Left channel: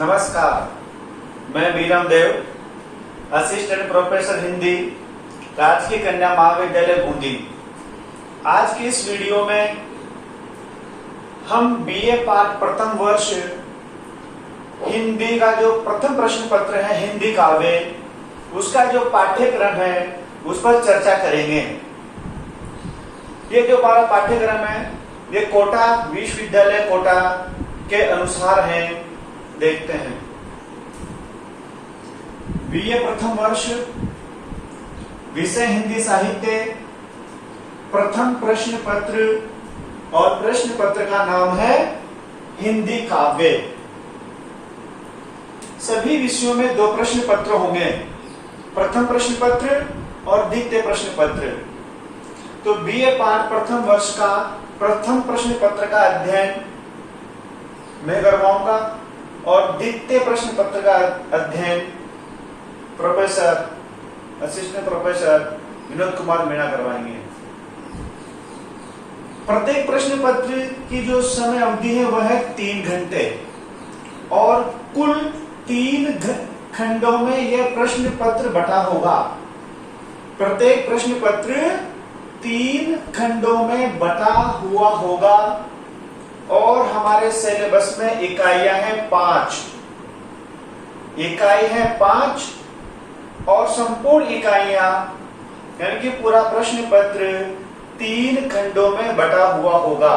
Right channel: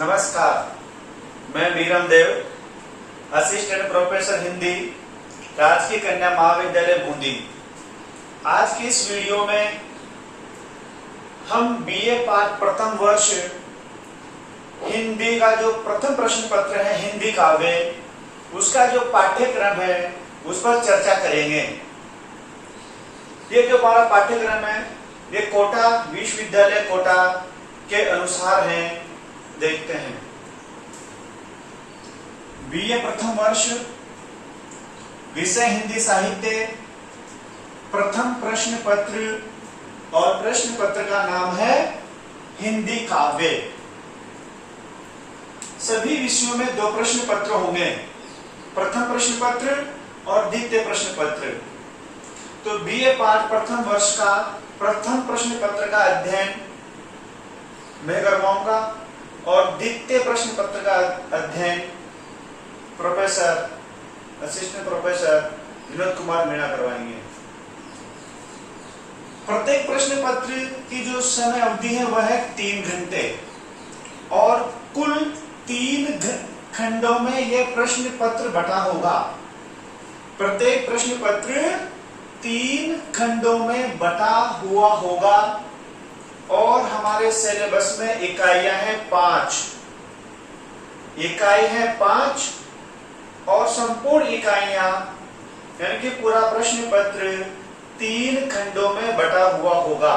नमस्कार, मैं बीरम देव, assistant professor Hindi, राजकीय कन्या महाविद्यालय बूंदी। आज की इस वीडियो में हम बीए पाठ प्रथम वर्ष हिंदी का जो प्रथम प्रश्न पत्र है हिंदी काव्य, उसका जो पाठ्यक्रम है उस पर चर्चा करेंगे। ये जो हमारा पाठ्यक्रम है ये कोटा विश्वविद्यालय कोटा के अनुसार है। देखते हैं, बीए प्रथम वर्ष, विषय हिंदी साहित्य, प्रथम प्रश्न पत्र और प्रश्न पत्र का नाम है हिंदी काव्य। सभी विषयों में 2 प्रश्न पत्र होंगे, प्रथम प्रश्न पत्र और द्वितीय प्रश्न पत्र। तो बीए पाठ प्रथम वर्ष का प्रथम प्रश्न पत्र का अध्ययन मैं करवाऊंगा और द्वितीय प्रश्न पत्र का अध्ययन असिस्टेंट प्रोफेसर विनोद कुमार मीणा करवाएंगे। प्रत्येक प्रश्न पत्र की जो समय अवधि है वह है 3 घंटे और कुल 3 खंडों में यह प्रश्न पत्र बटा होगा। प्रत्येक प्रश्न पत्र 3 खंडों में बटा हुआ होगा और हमारे सिलेबस में इकाइयां हैं 5। इकाई है 5 और संपूर्ण इकाइयां यानी कि पूरा प्रश्न पत्र 3 खंडों में बटा हुआ होगा।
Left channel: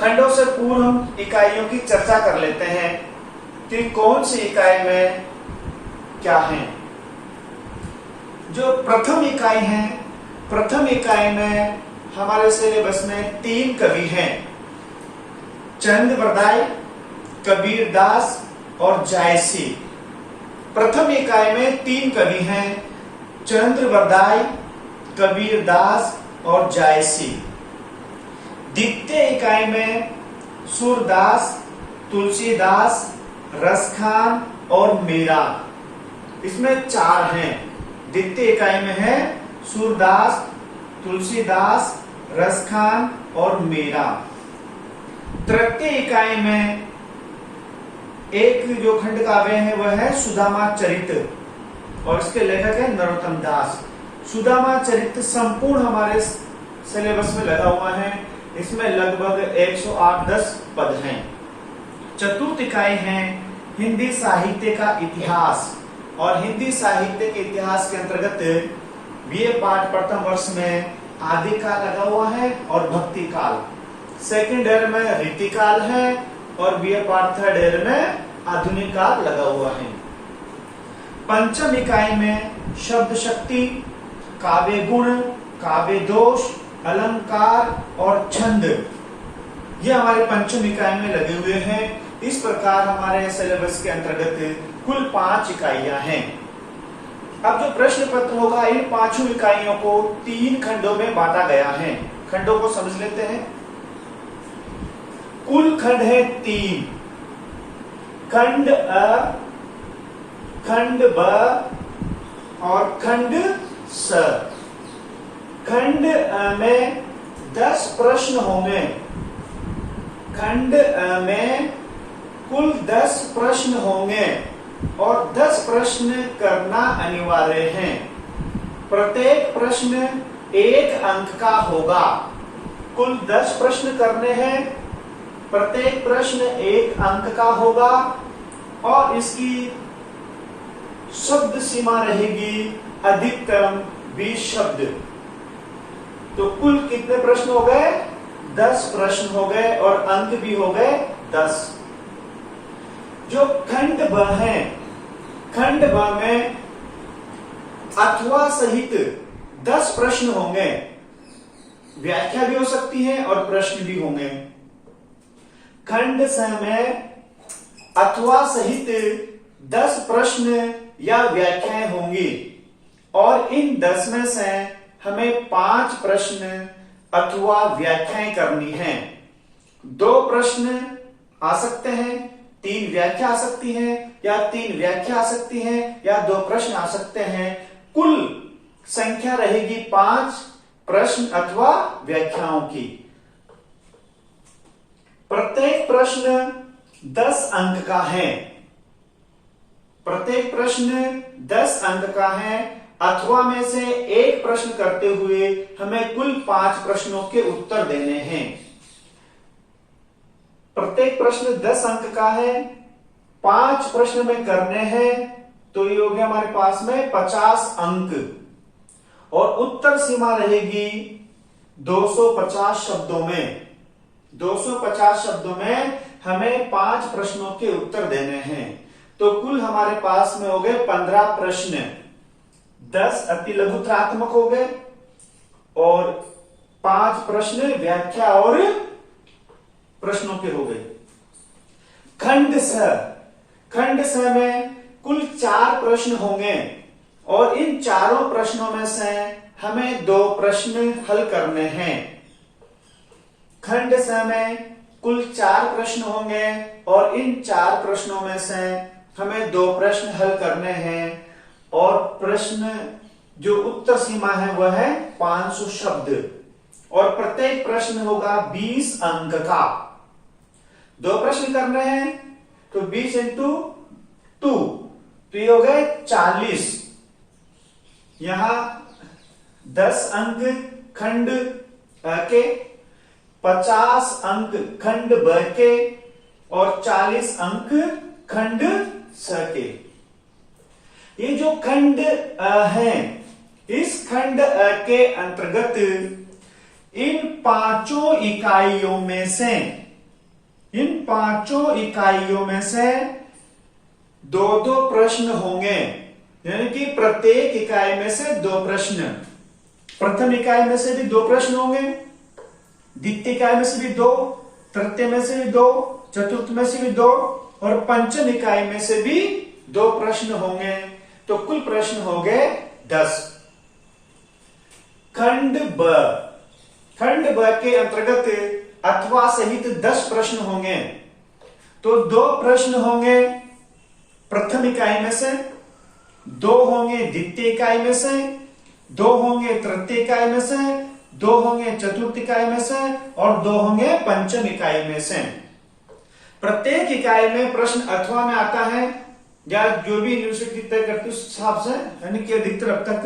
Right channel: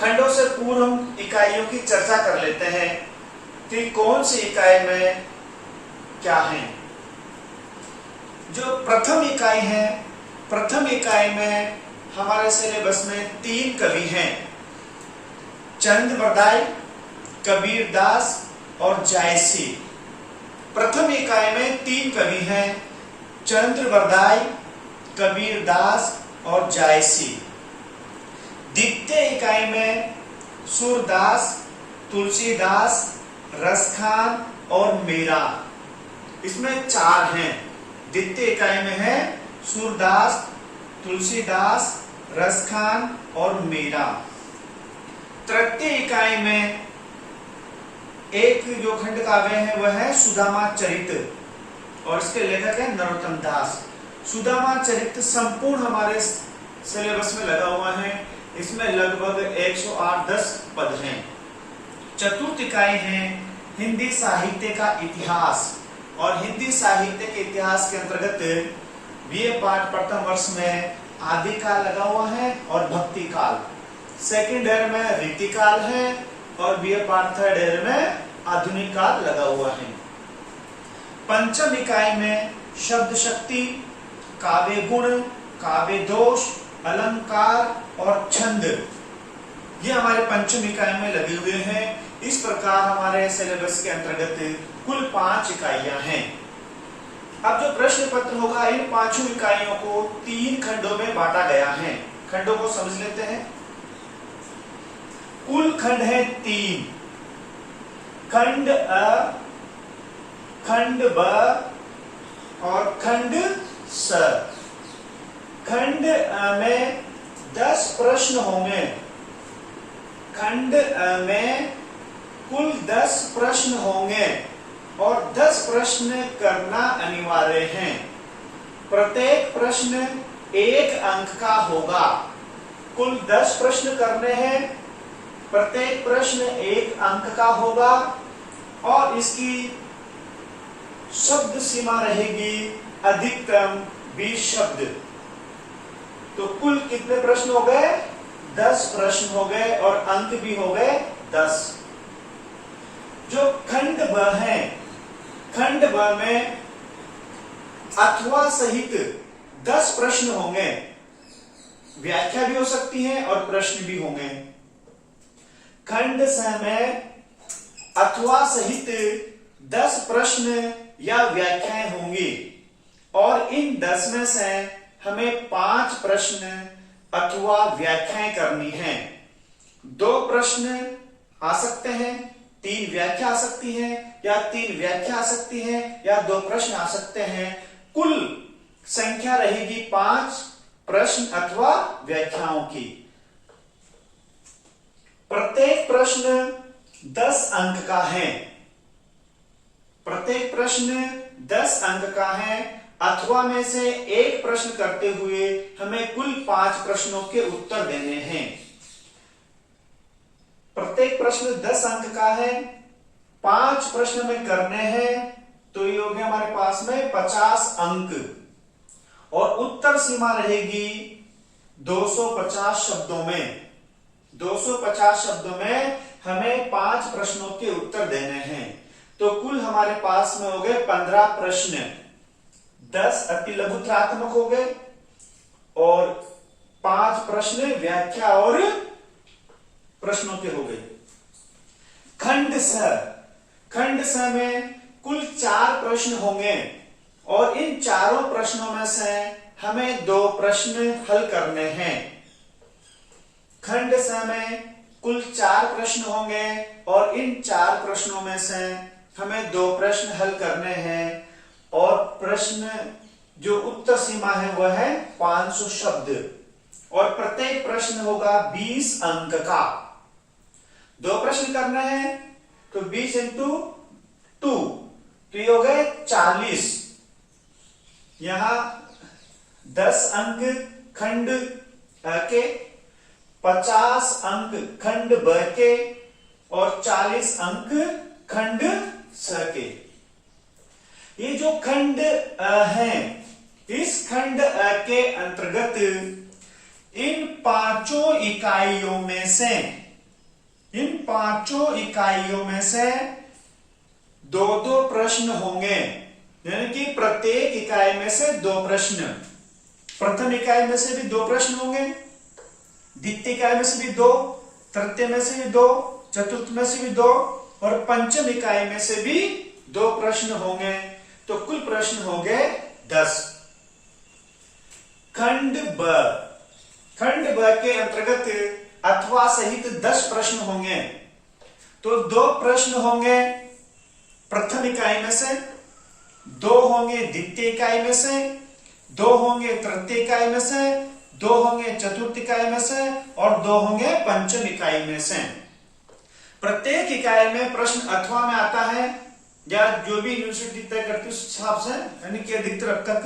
खंडों से पूर्व हम इकाइयों की चर्चा कर लेते हैं कि कौन सी इकाई में क्या है। जो प्रथम इकाई है, प्रथम इकाई में हमारे सिलेबस में 3 कवि हैं, चंद बरदाई, कबीर दास और जायसी। प्रथम इकाई में 3 कवि हैं, चंद्र बरदाई, कबीर दास और जायसी। द्वितीय इकाई में सूरदास, तुलसीदास, रसखान और मीरा। इसमें 4 हैं। द्वितीय इकाई में है सूरदास, तुलसीदास, रसखान और मीरा। तृतीय इकाई में एक जो खंड काव्य है वह है सुदामा चरित और इसके लेखक है नरोत्तम दास। सुदामा चरित संपूर्ण हमारे सिलेबस में लगा हुआ है। इसमें लगभग 108-10 पद हैं। चतुर्थ इकाई है हिंदी साहित्य का इतिहास और हिंदी साहित्य के इतिहास के अंतर्गत बीए पाठ प्रथम वर्ष में आदि काल लगा हुआ है और भक्ति काल। सेकंड ईयर में रीतिकाल है और बीए पाठ थर्ड ईयर में आधुनिक काल लगा हुआ है। पंचम इकाई में शब्द शक्ति, काव्य गुण, काव्य दोष, अलंकार और छंद, ये हमारे पंचम इकाई में लगे हुए हैं। इस प्रकार हमारे सिलेबस के अंतर्गत कुल 5 इकाइयां हैं। अब जो प्रश्न पत्र होगा इन 5 इकाइयों को 3 खंडों में बांटा गया है। खंडों को समझ लेते हैं। कुल खंड है 3, खंड अ, खंड ब और खंड स। खंड अ में 10 प्रश्न होंगे। खंड अ में कुल 10 प्रश्न होंगे और 10 प्रश्न करना अनिवार्य है। प्रत्येक प्रश्न 1 अंक का होगा। कुल 10 प्रश्न करने हैं, प्रत्येक प्रश्न 1 अंक का होगा और इसकी शब्द सीमा रहेगी अधिकतम 20 शब्द। तो कुल कितने प्रश्न हो गए? 10 प्रश्न हो गए और अंक भी हो गए 10। जो खंड ब है, खंड ब में अथवा सहित 10 प्रश्न होंगे। व्याख्या भी हो सकती है और प्रश्न भी होंगे। खंड स में अथवा सहित 10 प्रश्न या व्याख्याएं होंगी और इन 10 में से हमें 5 प्रश्न अथवा व्याख्याएं करनी है। 2 प्रश्न आ सकते हैं, 3 व्याख्या आ सकती है या 3 व्याख्या आ सकती है या 2 प्रश्न आ सकते हैं। कुल संख्या रहेगी 5 प्रश्न अथवा व्याख्याओं की। प्रत्येक प्रश्न 10 अंक का है। प्रत्येक प्रश्न 10 अंक का है, अथवा में से एक प्रश्न करते हुए हमें कुल 5 प्रश्नों के उत्तर देने हैं। प्रत्येक प्रश्न 10 अंक का है, 5 प्रश्न में करने हैं, तो ये हो गया हमारे पास में 50 अंक, और उत्तर सीमा रहेगी 250 शब्दों में। 250 शब्दों में हमें 5 प्रश्नों के उत्तर देने हैं। तो कुल हमारे पास में हो गए 15 प्रश्न, 10 अति लघुत्रात्मक हो गए और 5 प्रश्न व्याख्या और प्रश्नों के हो गए। खंड स में कुल 4 प्रश्न होंगे और इन चारों प्रश्नों में से हमें 2 प्रश्न हल करने हैं। खंड स में कुल 4 प्रश्न होंगे और इन 4 प्रश्नों में से हमें 2 प्रश्न हल करने हैं, और प्रश्न जो उत्तर सीमा है वह है 500 शब्द, और प्रत्येक प्रश्न होगा 20 अंक का। 2 प्रश्न करने हैं तो 20 इंटू 2, तो ये हो गए 40। यहां 10 अंक खंड के, 50 अंक खंड ब के और 40 अंक खंड स के। ये जो खंड है, इस खंड के अंतर्गत इन 5 इकाइयों में से, इन 5 इकाइयों में से 2-2 प्रश्न होंगे, यानी कि प्रत्येक इकाई में से 2 प्रश्न। प्रथम इकाई में से भी 2 प्रश्न होंगे, द्वितीय इकाई में से भी 2, तृतीय में से भी 2, चतुर्थ में से भी 2 और पंचम इकाई में से भी 2 प्रश्न होंगे। तो कुल प्रश्न हो गए 10। खंड ब के अंतर्गत अथवा सहित 10 प्रश्न होंगे। तो 2 प्रश्न होंगे प्रथम इकाई में से, 2 होंगे द्वितीय इकाई में से, 2 होंगे तृतीय इकाई में से, 2 होंगे चतुर्थ इकाई में से और 2 होंगे पंचम इकाई में से। प्रत्येक इकाई में प्रश्न अथवा में आता है, या जो भी यूनिवर्सिटी तय करती है उस हिसाब से, यानी कि अधिकतर अब तक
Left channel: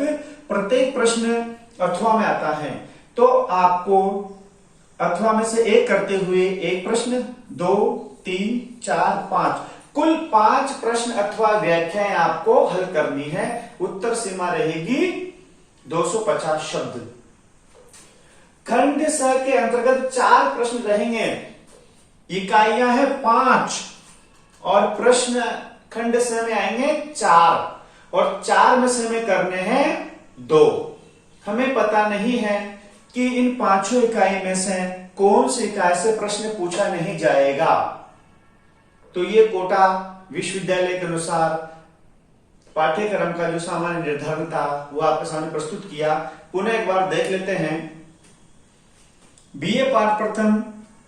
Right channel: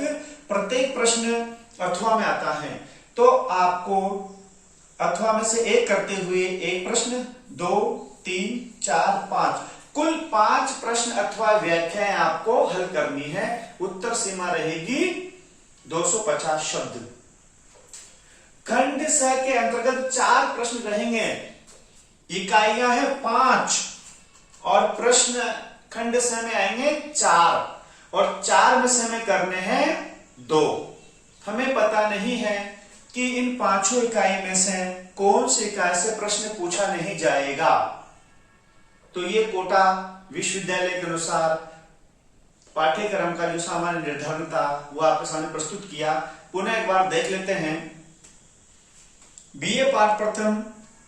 प्रत्येक प्रश्न अथवा में आता है। तो आपको अथवा में से एक करते हुए एक प्रश्न, 2, 3, 4, 5, कुल 5 प्रश्न अथवा व्याख्याएं आपको हल करनी है। उत्तर सीमा रहेगी 250 शब्द। खंड स के अंतर्गत 4 प्रश्न रहेंगे, इकाइयां हैं 5 और प्रश्न खंड स में आएंगे 4, और 4 में से हमें करने हैं 2। हमें पता नहीं है कि इन 5 इकाई में से कौन सी इकाई से प्रश्न पूछा नहीं जाएगा। तो ये कोटा विश्वविद्यालय के अनुसार पाठ्यक्रम का जो सामान्य निर्धारण था वो आपके सामने प्रस्तुत किया। पुनः एक बार देख लेते हैं। बीए पाठ प्रथम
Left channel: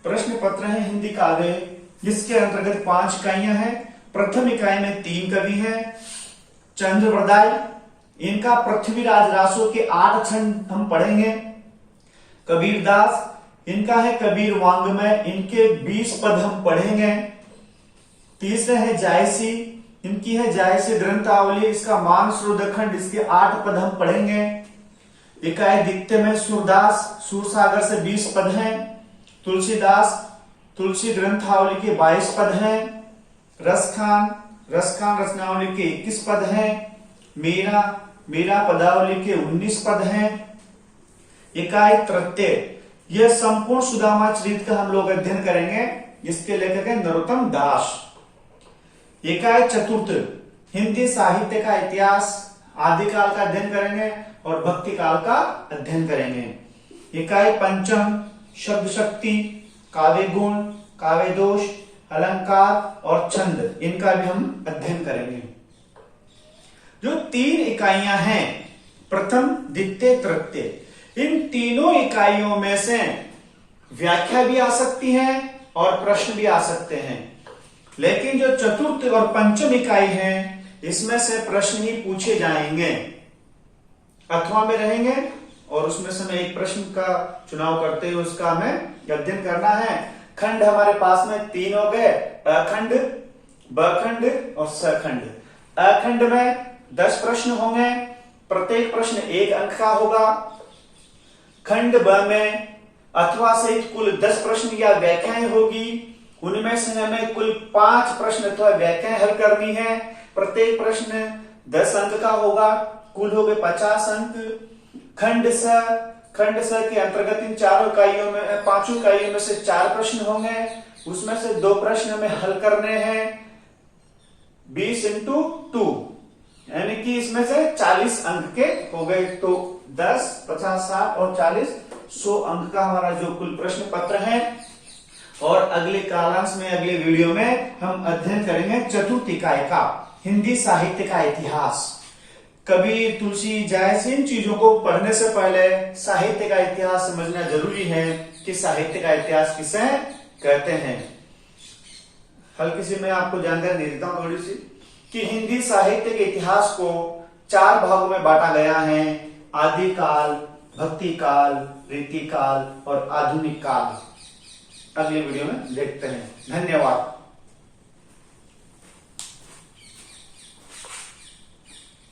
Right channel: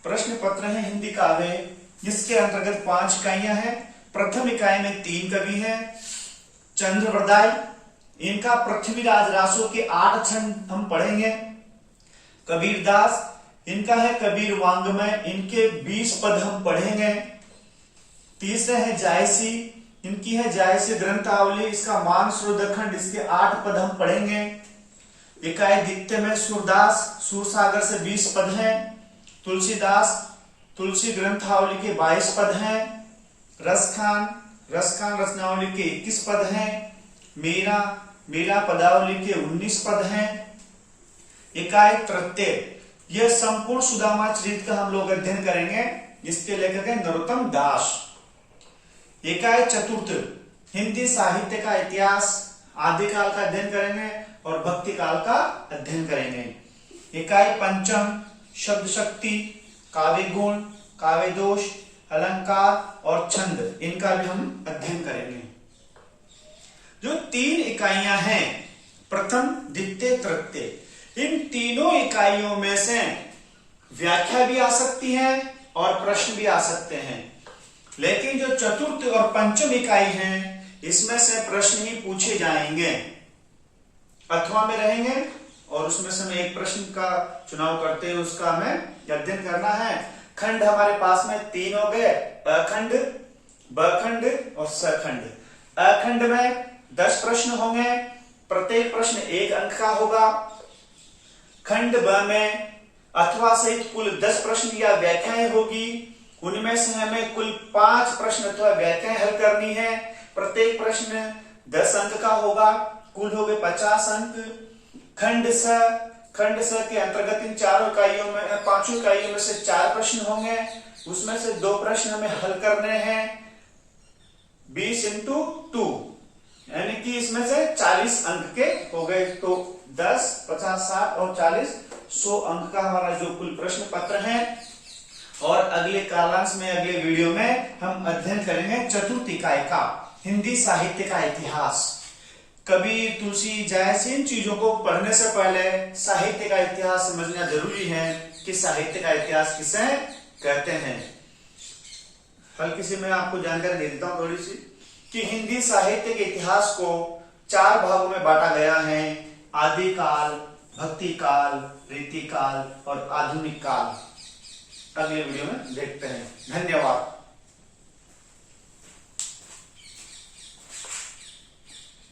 प्रश्न पत्र है हिंदी काव्य, जिसके अंतर्गत 5 इकाइयां हैं। प्रथम इकाई में 3 कवि हैं। चंद्रवरदाई, इनका पृथ्वीराज रासो के 8 छंद हम पढ़ेंगे। कबीरदास, इनका है कबीर वांग्मय, इनके 20 पद हम पढ़ेंगे। तीसरे है जायसी, इनकी है जायसी ग्रंथावली, इसका मान श्रोदखंड, इसके 8 पद हम पढ़ेंगे। इकाई द्वितीय में सूरदास, सूरसागर से 20 पद हैं। तुलसीदास, तुलसी ग्रंथावली के 22 पद हैं। रसखान रचनावली के 21 पद हैं। मीरा पदावली के 19 पद हैं। इकाई तृतीय, यह संपूर्ण सुदामा चरित का हम लोग अध्ययन करेंगे, जिसके लेखक हैं नरोत्तम दास। इकाई चतुर्थ, हिंदी साहित्य का इतिहास, आदिकाल का अध्ययन करेंगे और भक्ति काल का अध्ययन करेंगे। इकाई पंचम, शब्द शक्ति, काव्य गुण, काव्य दोष, अलंकार और छंद, इनका भी हम अध्ययन करेंगे। जो 3 इकाइयां हैं, प्रथम द्वितीय तृतीय, इन तीनों इकाइयों में से व्याख्या भी आ सकती है और प्रश्न भी आ सकते हैं। लेकिन जो चतुर्थ और पंचम इकाई है, इसमें से प्रश्न ही पूछे जाएंगे, अथवा में रहेंगे और उसमें से हमें एक प्रश्न का चुनाव करते हुए उसका हमें अध्ययन करना है। खंड हमारे पास में 3 हो गए, अखंड, बखंड और सखंड। अखंड में 10 प्रश्न होंगे, प्रत्येक प्रश्न 1 अंक का होगा। खंड ब में अथवा सहित कुल 10 प्रश्न या व्याख्याएं होगी, उनमें से हमें कुल 5 प्रश्न अथवा व्याख्याएं हल करनी है। प्रत्येक प्रश्न 10 अंक का होगा, कुल हो गए 50 अंक। खंड स के अंतर्गत इन 5 इकाइयों में से 4 प्रश्न होंगे, उसमें से 2 प्रश्न हमें हल करने हैं 20 इंटू 2, यानी कि इसमें से 40 अंक के हो गए। तो 10, 50, 60 और 40, 100 अंक का हमारा जो कुल प्रश्न पत्र है। और अगले कालांश में, अगले वीडियो में हम अध्ययन करेंगे चतुर्थ इकाई का हिंदी साहित्य का इतिहास। कबीर, तुलसी, जायसी, इन चीजों को पढ़ने से पहले साहित्य का इतिहास समझना जरूरी है कि साहित्य का इतिहास किसे कहते हैं। हल्की सी मैं आपको जानकारी दे देता हूं थोड़ी सी, कि हिंदी साहित्य के इतिहास को 4 भागों में बांटा गया है: आदि काल, भक्ति काल, रीति काल और आधुनिक काल। अगले वीडियो में देखते हैं। धन्यवाद।